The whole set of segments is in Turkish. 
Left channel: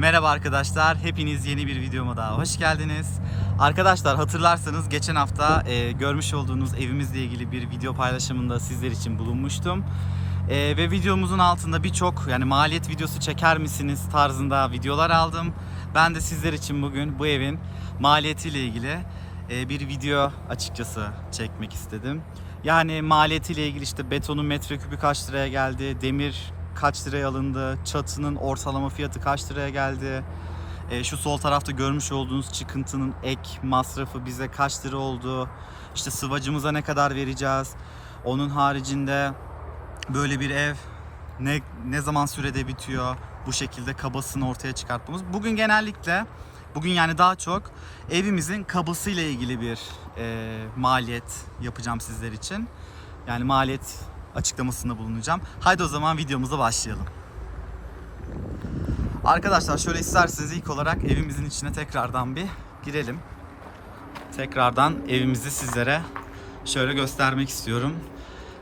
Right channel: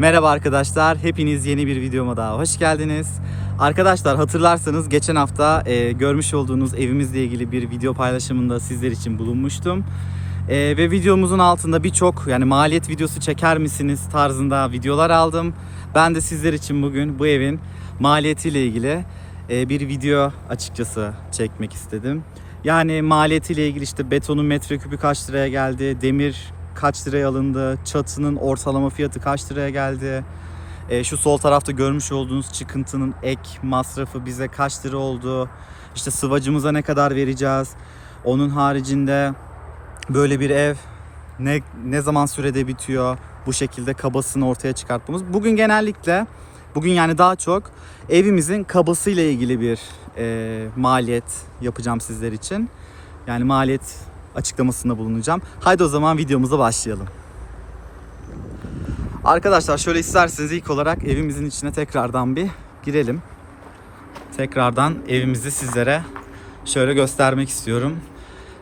Merhaba arkadaşlar, hepiniz yeni bir videoma daha hoş geldiniz. Arkadaşlar hatırlarsanız geçen hafta e, görmüş olduğunuz evimizle ilgili bir video paylaşımında sizler için bulunmuştum. E, ve videomuzun altında birçok yani maliyet videosu çeker misiniz tarzında videolar aldım. Ben de sizler için bugün bu evin maliyetiyle ilgili e, bir video açıkçası çekmek istedim. Yani maliyetiyle ilgili işte betonun metreküpü kaç liraya geldi, demir kaç liraya alındı, çatının ortalama fiyatı kaç liraya geldi, e, şu sol tarafta görmüş olduğunuz çıkıntının ek masrafı bize kaç lira oldu, işte sıvacımıza ne kadar vereceğiz, onun haricinde böyle bir ev ne ne zaman sürede bitiyor, bu şekilde kabasını ortaya çıkartmamız. Bugün genellikle, bugün yani daha çok evimizin kabasıyla ilgili bir e, maliyet yapacağım sizler için. Yani maliyet açıklamasında bulunacağım. Haydi o zaman videomuza başlayalım. Arkadaşlar şöyle isterseniz ilk olarak evimizin içine tekrardan bir girelim. Tekrardan evimizi sizlere şöyle göstermek istiyorum.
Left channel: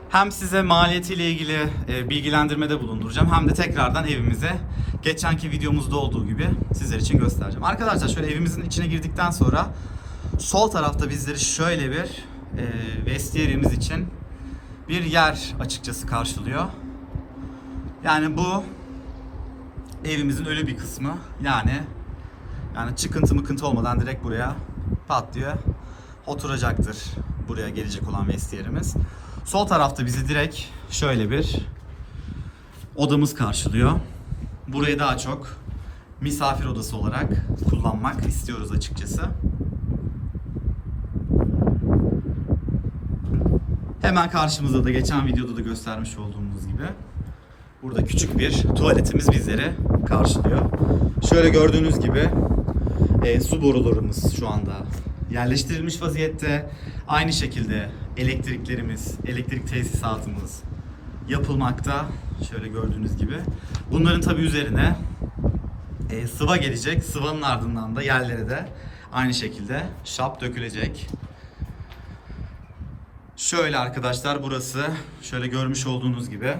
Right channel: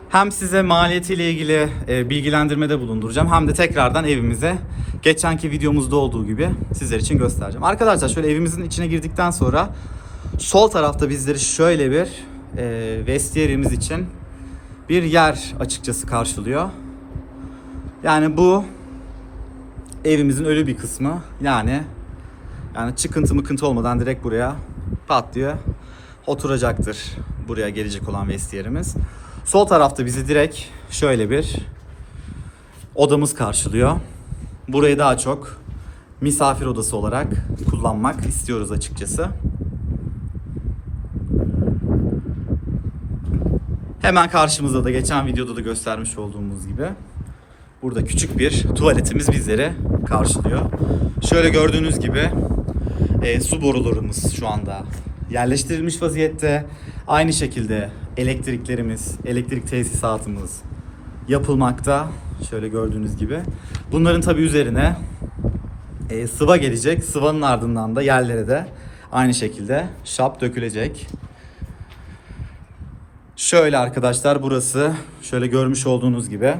Hem size maliyetiyle ilgili e, bilgilendirmede bulunduracağım hem de tekrardan evimize geçenki videomuzda olduğu gibi sizler için göstereceğim. Arkadaşlar şöyle evimizin içine girdikten sonra sol tarafta bizleri şöyle bir e, vestiyerimiz için bir yer açıkçası karşılıyor. Yani bu evimizin ölü bir kısmı. Yani yani çıkıntı mıkıntı olmadan direkt buraya pat diye oturacaktır. Buraya gelecek olan vestiyerimiz. Sol tarafta bizi direkt şöyle bir odamız karşılıyor. Burayı daha çok misafir odası olarak kullanmak istiyoruz açıkçası. Hemen karşımızda da geçen videoda da göstermiş olduğumuz gibi burada küçük bir tuvaletimiz bizleri karşılıyor. Şöyle gördüğünüz gibi e, su borularımız şu anda yerleştirilmiş vaziyette. Aynı şekilde elektriklerimiz, elektrik tesisatımız yapılmakta. Şöyle gördüğünüz gibi. Bunların tabi üzerine e, sıva gelecek. Sıvanın ardından da yerlere de aynı şekilde şap dökülecek. Şöyle arkadaşlar burası şöyle görmüş olduğunuz gibi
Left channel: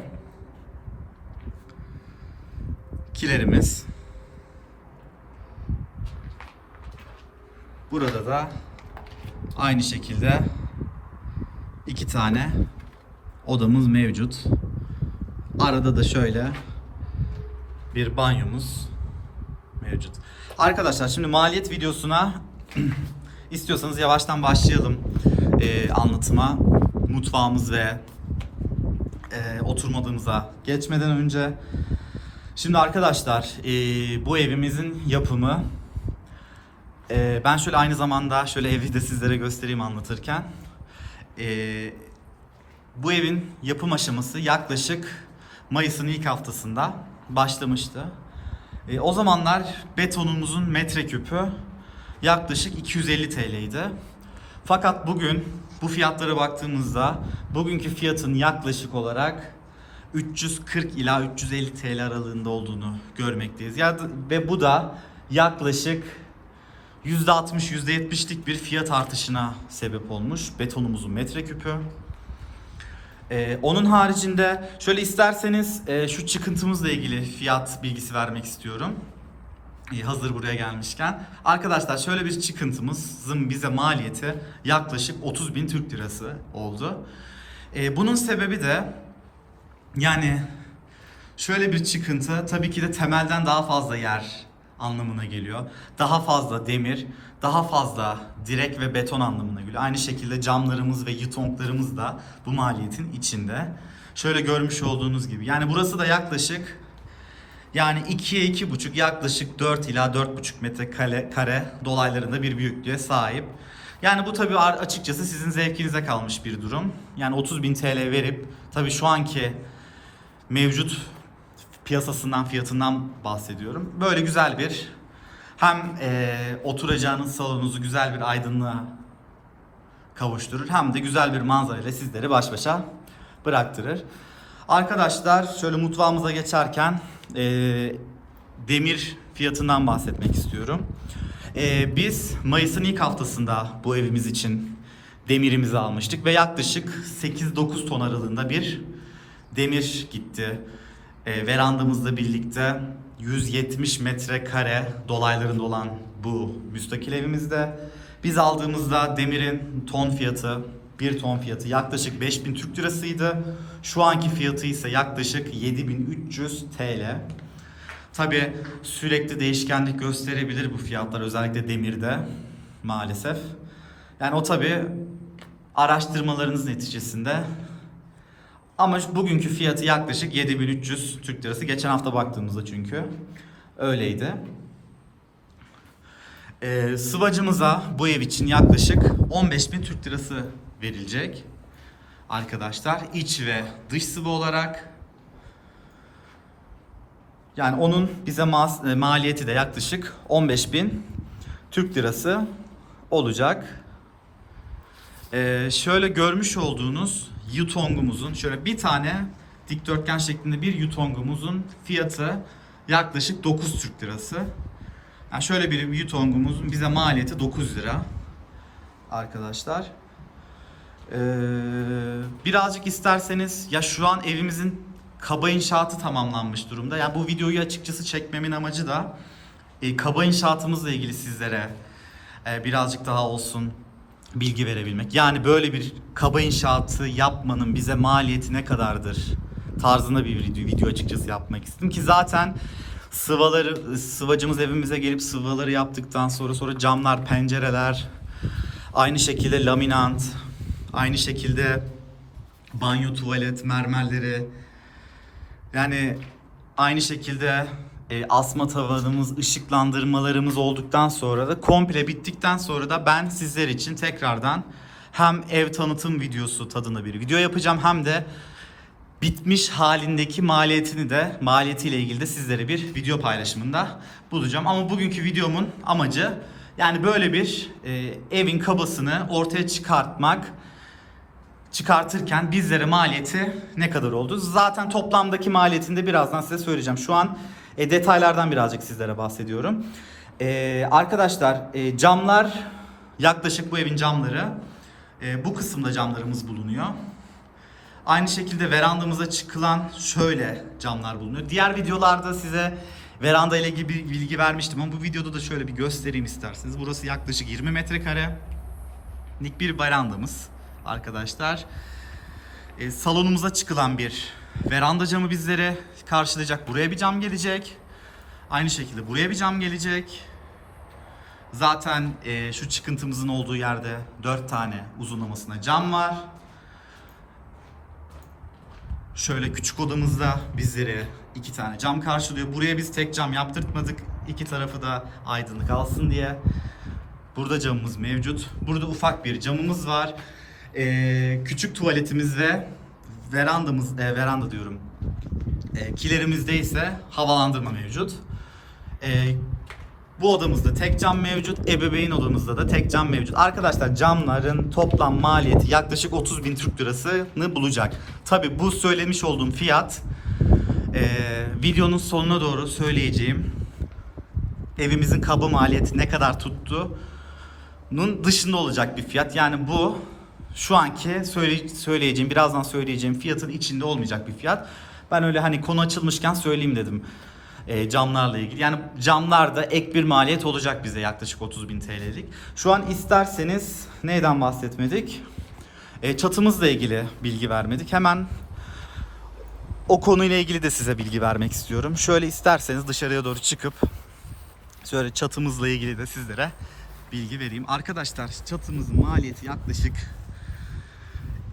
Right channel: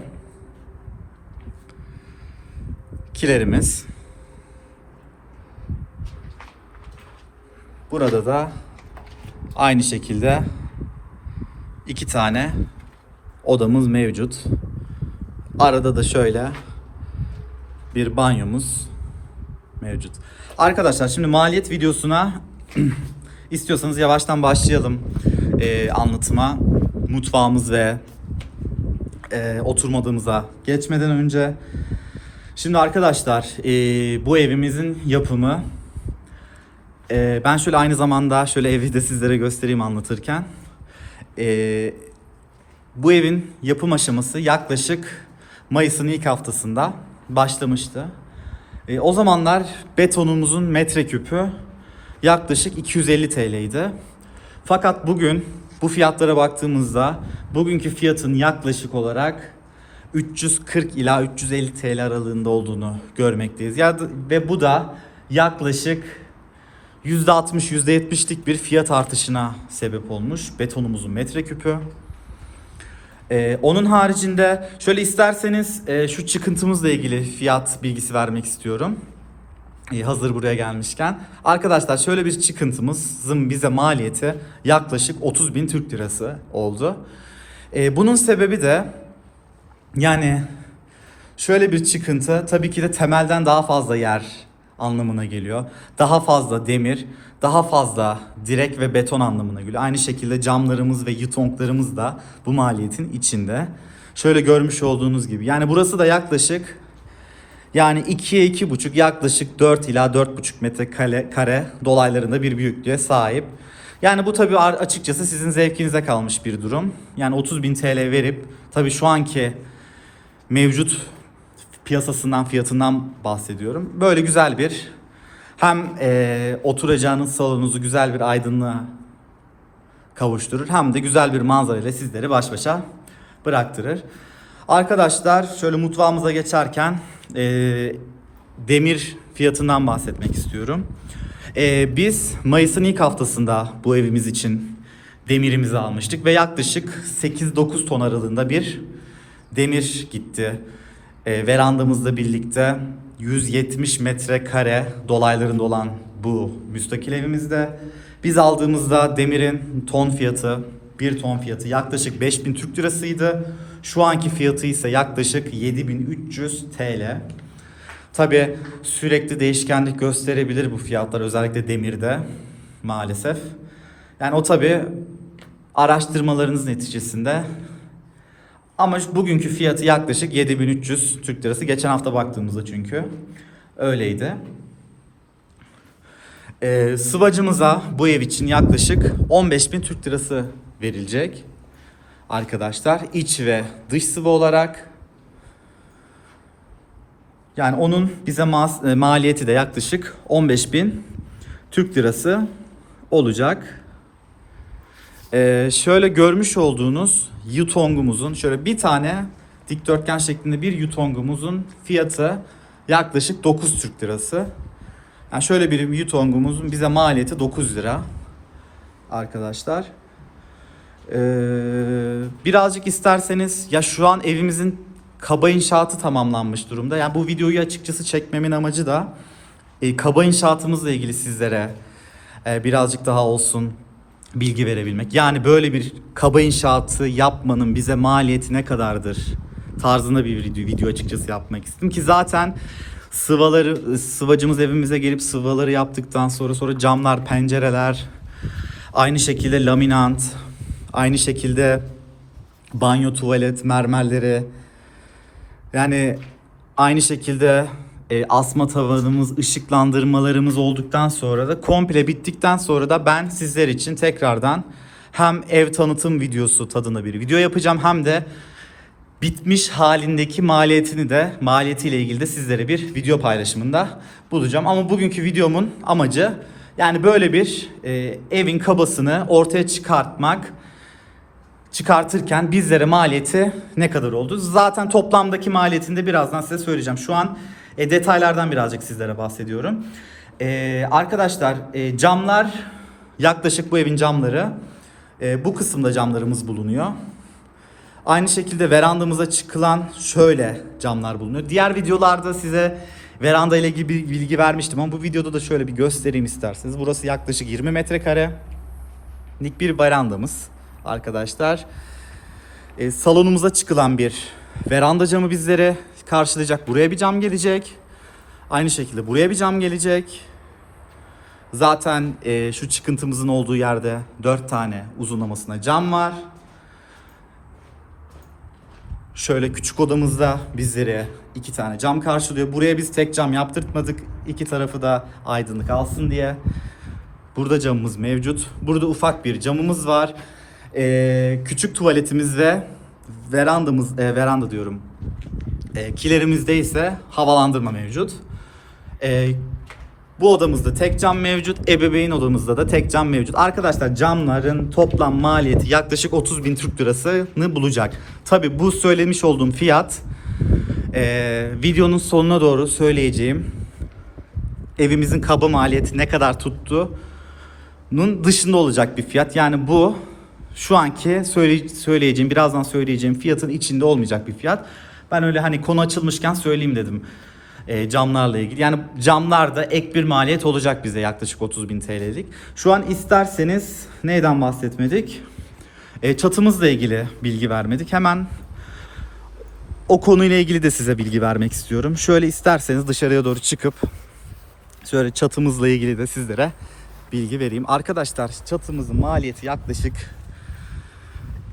kilerimiz. Burada da aynı şekilde iki tane odamız mevcut. Arada da şöyle bir banyomuz mevcut. Arkadaşlar şimdi maliyet videosuna istiyorsanız yavaştan başlayalım e, anlatıma. Mutfağımız ve e, oturma geçmeden önce. Şimdi arkadaşlar e, bu evimizin yapımı e, ben şöyle aynı zamanda şöyle evi de sizlere göstereyim anlatırken. E, bu evin yapım aşaması yaklaşık Mayıs'ın ilk haftasında başlamıştı. E, o zamanlar betonumuzun metreküpü yaklaşık 250 TL'ydi. Fakat bugün bu fiyatlara baktığımızda bugünkü fiyatın yaklaşık olarak 340 ila 350 TL aralığında olduğunu görmekteyiz. Ya ve bu da yaklaşık %60 %70'lik bir fiyat artışına sebep olmuş betonumuzun metreküpü. Ee, onun haricinde şöyle isterseniz e, şu çıkıntımızla ilgili fiyat bilgisi vermek istiyorum. Ee, hazır buraya gelmişken. Arkadaşlar şöyle bir çıkıntımızın bize maliyeti yaklaşık 30 bin Türk lirası oldu. Ee, bunun sebebi de yani şöyle bir çıkıntı tabii ki de temelden daha fazla yer anlamına geliyor. Daha fazla demir, daha fazla direk ve beton anlamına geliyor. Aynı şekilde camlarımız ve yutonklarımız da bu maliyetin içinde. Şöyle görmüş olduğunuz gibi. Yani burası da yaklaşık yani 2'ye 2,5 yaklaşık 4 ila 4,5 metre kare, kare dolaylarında bir büyüklüğe sahip. Yani bu tabii açıkçası sizin zevkinize kalmış bir durum. Yani 30 bin TL verip tabii şu anki mevcut piyasasından fiyatından bahsediyorum. Böyle güzel bir hem e, oturacağınız salonunuzu güzel bir aydınlığa kavuşturur hem de güzel bir manzara ile sizleri baş başa bıraktırır. Arkadaşlar şöyle mutfağımıza geçerken e, demir fiyatından bahsetmek istiyorum. E, biz Mayıs'ın ilk haftasında bu evimiz için demirimizi almıştık ve yaklaşık 8-9 ton aralığında bir demir gitti. E, verandamızla birlikte 170 metrekare dolaylarında olan bu müstakil evimizde biz aldığımızda demirin ton fiyatı, bir ton fiyatı yaklaşık 5000 Türk lirasıydı. Şu anki fiyatı ise yaklaşık 7300 TL. Tabi sürekli değişkenlik gösterebilir bu fiyatlar özellikle demirde maalesef. Yani o tabi araştırmalarınız neticesinde. Ama bugünkü fiyatı yaklaşık 7300 Türk lirası. Geçen hafta baktığımızda çünkü öyleydi. Ee, sıvacımıza bu ev için yaklaşık 15.000 Türk lirası verilecek. Arkadaşlar iç ve dış sıvı olarak yani onun bize mas- e, maliyeti de yaklaşık 15.000 Türk lirası olacak. Ee, şöyle görmüş olduğunuz yutongumuzun şöyle bir tane dikdörtgen şeklinde bir yutongumuzun fiyatı yaklaşık 9 Türk lirası. Yani şöyle bir yutongumuzun bize maliyeti 9 lira. Arkadaşlar. Ee, birazcık isterseniz ya şu an evimizin kaba inşaatı tamamlanmış durumda. Yani bu videoyu açıkçası çekmemin amacı da e, kaba inşaatımızla ilgili sizlere e, birazcık daha olsun bilgi verebilmek. Yani böyle bir kaba inşaatı yapmanın bize maliyeti ne kadardır tarzında bir video, video açıkçası yapmak istedim ki zaten sıvaları sıvacımız evimize gelip sıvaları yaptıktan sonra sonra camlar, pencereler aynı şekilde laminant, aynı şekilde banyo, tuvalet, mermerleri yani aynı şekilde e, asma tavanımız, ışıklandırmalarımız olduktan sonra da komple bittikten sonra da ben sizler için tekrardan hem ev tanıtım videosu tadında bir video yapacağım hem de bitmiş halindeki maliyetini de maliyetiyle ilgili de sizlere bir video paylaşımında bulacağım. Ama bugünkü videomun amacı yani böyle bir e, evin kabasını ortaya çıkartmak çıkartırken bizlere maliyeti ne kadar oldu? Zaten toplamdaki maliyetini de birazdan size söyleyeceğim. Şu an e, detaylardan birazcık sizlere bahsediyorum. E, arkadaşlar e, camlar yaklaşık bu evin camları e, bu kısımda camlarımız bulunuyor. Aynı şekilde verandamıza çıkılan şöyle camlar bulunuyor. Diğer videolarda size veranda ile ilgili bir bilgi vermiştim ama bu videoda da şöyle bir göstereyim isterseniz. Burası yaklaşık 20 metrekare. Nik bir verandamız arkadaşlar. E, salonumuza çıkılan bir veranda camı bizlere karşılayacak. Buraya bir cam gelecek. Aynı şekilde buraya bir cam gelecek. Zaten e, şu çıkıntımızın olduğu yerde 4 tane uzunlamasına cam var. Şöyle küçük odamızda bizlere iki tane cam karşılıyor. Buraya biz tek cam yaptırtmadık. İki tarafı da aydınlık alsın diye. Burada camımız mevcut. Burada ufak bir camımız var. Ee, küçük tuvaletimiz ve verandamız, e, veranda diyorum. E, kilerimizde ise havalandırma mevcut. E, bu odamızda tek cam mevcut. Ebeveyn odamızda da tek cam mevcut. Arkadaşlar camların toplam maliyeti yaklaşık 30 bin Türk lirasını bulacak. Tabi bu söylemiş olduğum fiyat e, videonun sonuna doğru söyleyeceğim evimizin kaba maliyeti ne kadar tuttuğunun dışında olacak bir fiyat. Yani bu şu anki söyle, söyleyeceğim, birazdan söyleyeceğim fiyatın içinde olmayacak bir fiyat. Ben öyle hani konu açılmışken söyleyeyim dedim e, camlarla ilgili. Yani camlarda ek bir maliyet olacak bize yaklaşık 30 bin TL'lik. Şu an isterseniz neyden bahsetmedik? E, çatımızla ilgili bilgi vermedik. Hemen o konuyla ilgili de size bilgi vermek istiyorum. Şöyle isterseniz dışarıya doğru çıkıp şöyle çatımızla ilgili de sizlere bilgi vereyim. Arkadaşlar çatımızın maliyeti yaklaşık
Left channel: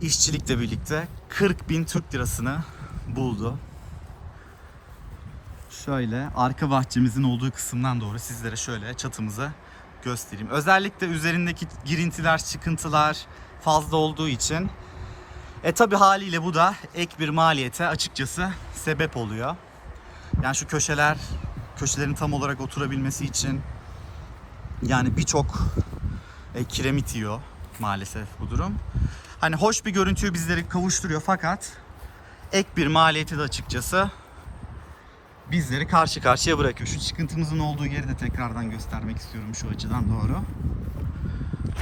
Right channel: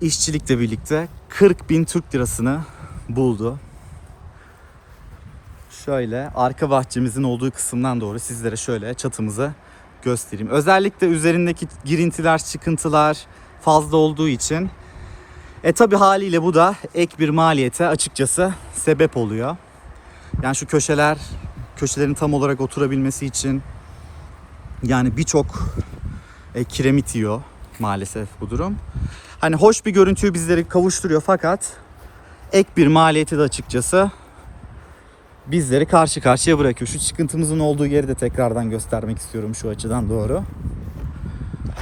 işçilikle birlikte 40 bin Türk lirasını buldu. Şöyle arka bahçemizin olduğu kısımdan doğru sizlere şöyle çatımızı göstereyim. Özellikle üzerindeki girintiler, çıkıntılar fazla olduğu için e tabi haliyle bu da ek bir maliyete açıkçası sebep oluyor. Yani şu köşeler, köşelerin tam olarak oturabilmesi için yani birçok e, kiremit yiyor maalesef bu durum. Hani hoş bir görüntüyü bizleri kavuşturuyor fakat ek bir maliyeti de açıkçası bizleri karşı karşıya bırakıyor. Şu çıkıntımızın olduğu yeri de tekrardan göstermek istiyorum şu açıdan doğru.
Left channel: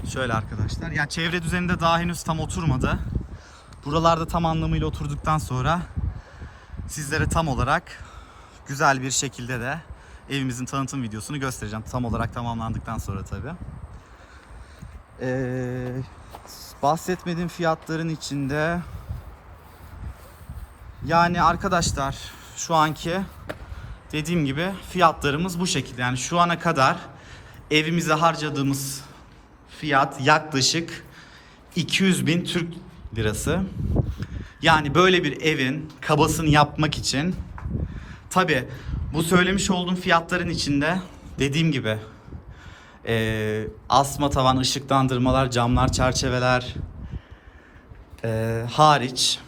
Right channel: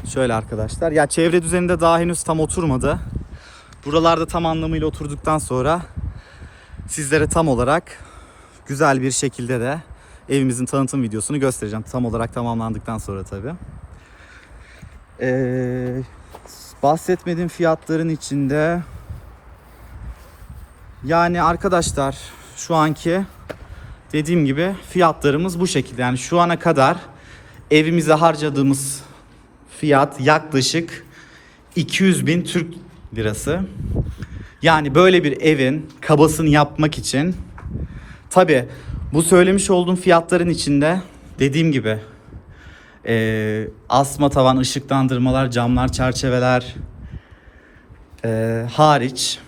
Şöyle arkadaşlar. Ya çevre düzeninde daha henüz tam oturmadı. Buralarda tam anlamıyla oturduktan sonra sizlere tam olarak güzel bir şekilde de evimizin tanıtım videosunu göstereceğim. Tam olarak tamamlandıktan sonra tabii. Ee, bahsetmediğim fiyatların içinde yani arkadaşlar şu anki dediğim gibi fiyatlarımız bu şekilde. Yani şu ana kadar evimize harcadığımız fiyat yaklaşık 200 bin Türk lirası. Yani böyle bir evin kabasını yapmak için tabi bu söylemiş olduğum fiyatların içinde dediğim gibi eee, asma tavan ışıklandırmalar, camlar, çerçeveler eee, hariç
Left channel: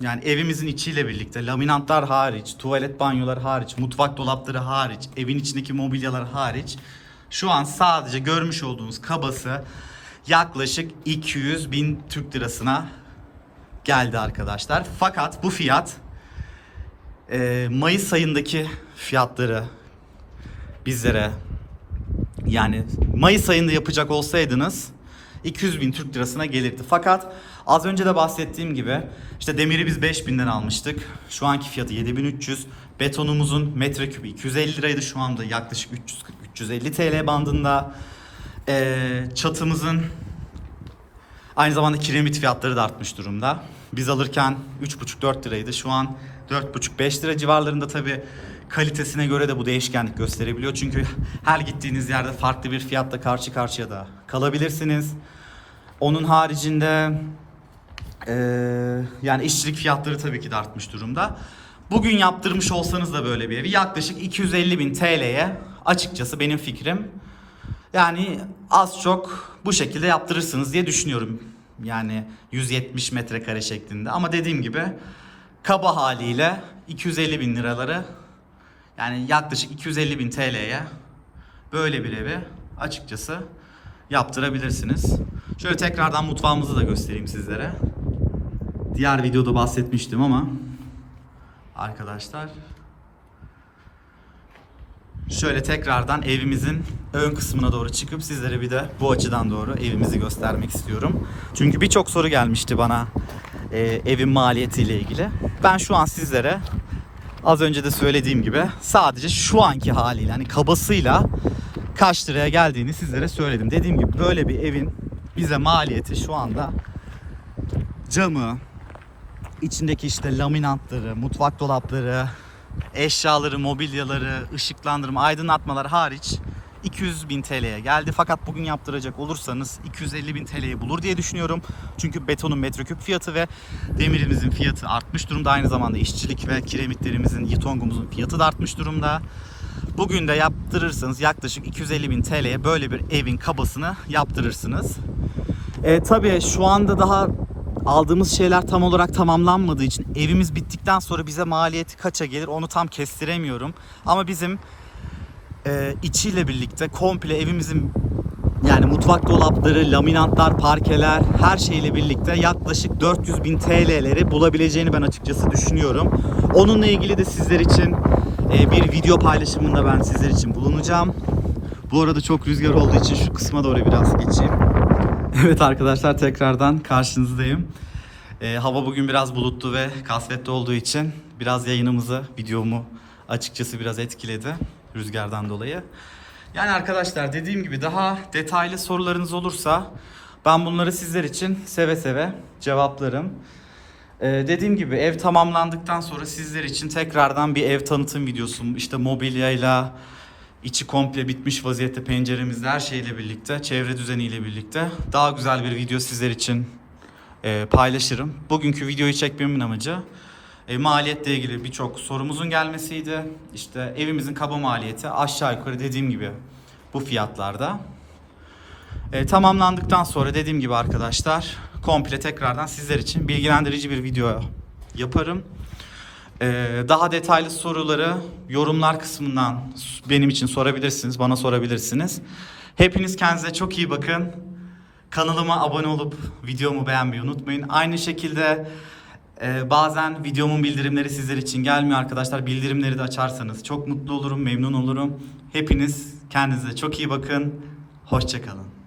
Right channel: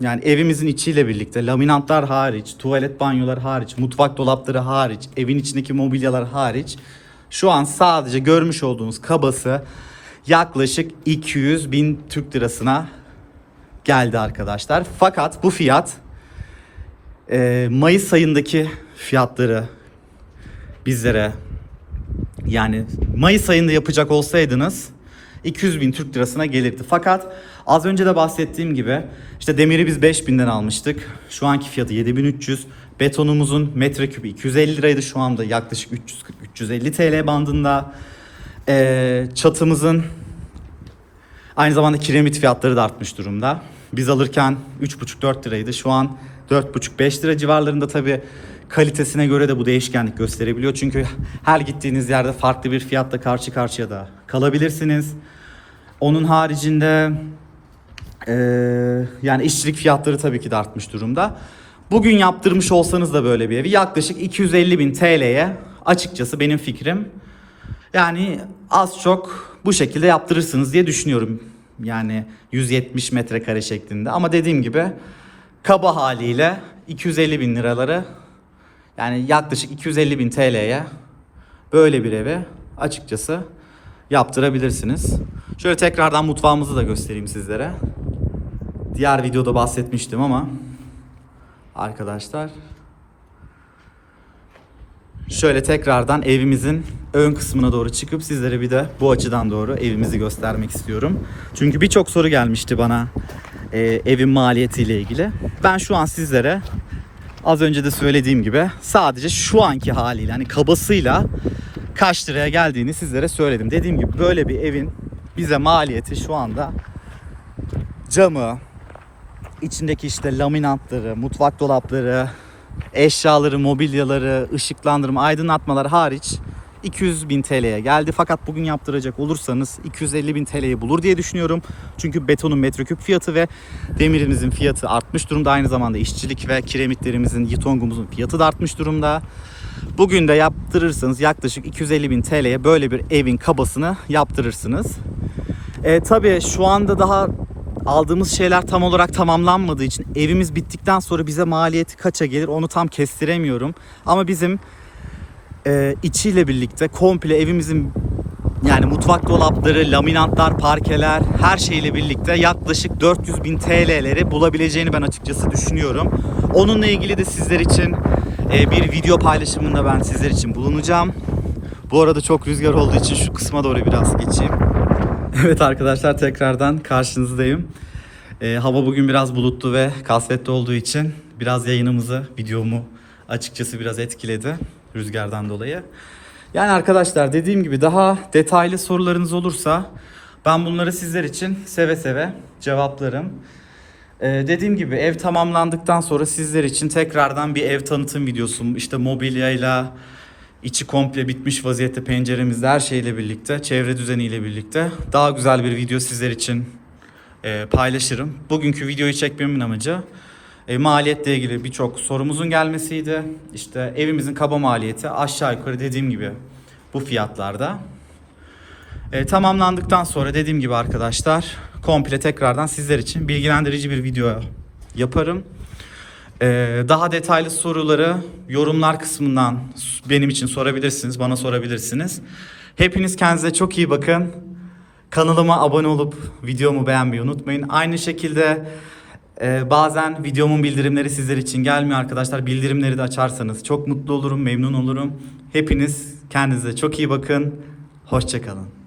yani evimizin içiyle birlikte laminatlar hariç, tuvalet banyolar hariç, mutfak dolapları hariç, evin içindeki mobilyalar hariç şu an sadece görmüş olduğunuz kabası yaklaşık 200 bin Türk lirasına geldi arkadaşlar. Fakat bu fiyat e, Mayıs ayındaki fiyatları bizlere yani Mayıs ayında yapacak olsaydınız 200 bin Türk lirasına gelirdi. Fakat az önce de bahsettiğim gibi işte demiri biz 5000'den almıştık. Şu anki fiyatı 7300. Betonumuzun metreküpü 250 liraydı. Şu anda yaklaşık 340-350 TL bandında. Ee, çatımızın aynı zamanda kiremit fiyatları da artmış durumda. Biz alırken 3,5-4 liraydı. Şu an 4,5-5 lira civarlarında tabii kalitesine göre de bu değişkenlik gösterebiliyor. Çünkü her gittiğiniz yerde farklı bir fiyatla karşı karşıya da kalabilirsiniz. Onun haricinde eee, yani işçilik fiyatları tabii ki de artmış durumda. Bugün yaptırmış olsanız da böyle bir evi yaklaşık 250 bin TL'ye açıkçası benim fikrim yani az çok bu şekilde yaptırırsınız diye düşünüyorum. Yani 170 metrekare şeklinde. Ama dediğim gibi kaba haliyle 250 bin liraları yani yaklaşık 250 bin TL'ye böyle bir evi açıkçası yaptırabilirsiniz. Şöyle tekrardan mutfağımızı da göstereyim sizlere. Diğer videoda bahsetmiştim ama arkadaşlar Şöyle tekrardan evimizin ön kısmına doğru çıkıp sizlere bir de bu açıdan doğru evimizi göstermek istiyorum. Çünkü birçok soru gelmişti bana e, evin maliyetiyle ilgili. Ben şu an sizlere az önce de söylediğim gibi sadece şu anki haliyle hani kabasıyla kaç liraya geldiğini sizlere söyledim. Dediğim gibi böyle bir evin bize maliyeti şu anda camı, içindeki işte laminatları, mutfak dolapları, eşyaları, mobilyaları, ışıklandırma, aydınlatmalar hariç 200 bin TL'ye geldi. Fakat bugün yaptıracak olursanız 250 bin TL'yi bulur diye düşünüyorum. Çünkü betonun metreküp fiyatı ve demirimizin fiyatı artmış durumda. Aynı zamanda işçilik ve kiremitlerimizin, yitongumuzun fiyatı da artmış durumda. Bugün de yaptırırsanız yaklaşık 250 bin TL'ye böyle bir evin kabasını yaptırırsınız. E, tabii şu anda daha aldığımız şeyler tam olarak tamamlanmadığı için evimiz bittikten sonra bize maliyeti kaça gelir onu tam kestiremiyorum. Ama bizim e, içiyle birlikte komple evimizin yani mutfak dolapları, laminatlar, parkeler her şeyle birlikte yaklaşık 400 bin TL'leri bulabileceğini ben açıkçası düşünüyorum. Onunla ilgili de sizler için e, bir video paylaşımında ben sizler için bulunacağım. Bu arada çok rüzgar olduğu için şu kısma doğru biraz geçeyim. Evet arkadaşlar tekrardan karşınızdayım. Ee, hava bugün biraz bulutlu ve kasvetli olduğu için biraz yayınımızı, videomu açıkçası biraz etkiledi rüzgardan dolayı. Yani arkadaşlar dediğim gibi daha detaylı sorularınız olursa ben bunları sizler için seve seve cevaplarım. Ee, dediğim gibi ev tamamlandıktan sonra sizler için tekrardan bir ev tanıtım videosu işte mobilyayla içi komple bitmiş vaziyette penceremizde her şeyle birlikte çevre düzeniyle birlikte daha güzel bir video sizler için e, paylaşırım. Bugünkü videoyu çekmemin amacı e, maliyetle ilgili birçok sorumuzun gelmesiydi. İşte evimizin kaba maliyeti aşağı yukarı dediğim gibi bu fiyatlarda. E, tamamlandıktan sonra dediğim gibi arkadaşlar komple tekrardan sizler için bilgilendirici bir video yaparım. Ee, daha detaylı soruları yorumlar kısmından benim için sorabilirsiniz, bana sorabilirsiniz. Hepiniz kendinize çok iyi bakın. Kanalıma abone olup videomu beğenmeyi unutmayın. Aynı şekilde e, bazen videomun bildirimleri sizler için gelmiyor arkadaşlar. Bildirimleri de açarsanız çok mutlu olurum, memnun olurum. Hepiniz kendinize çok iyi bakın. Hoşçakalın.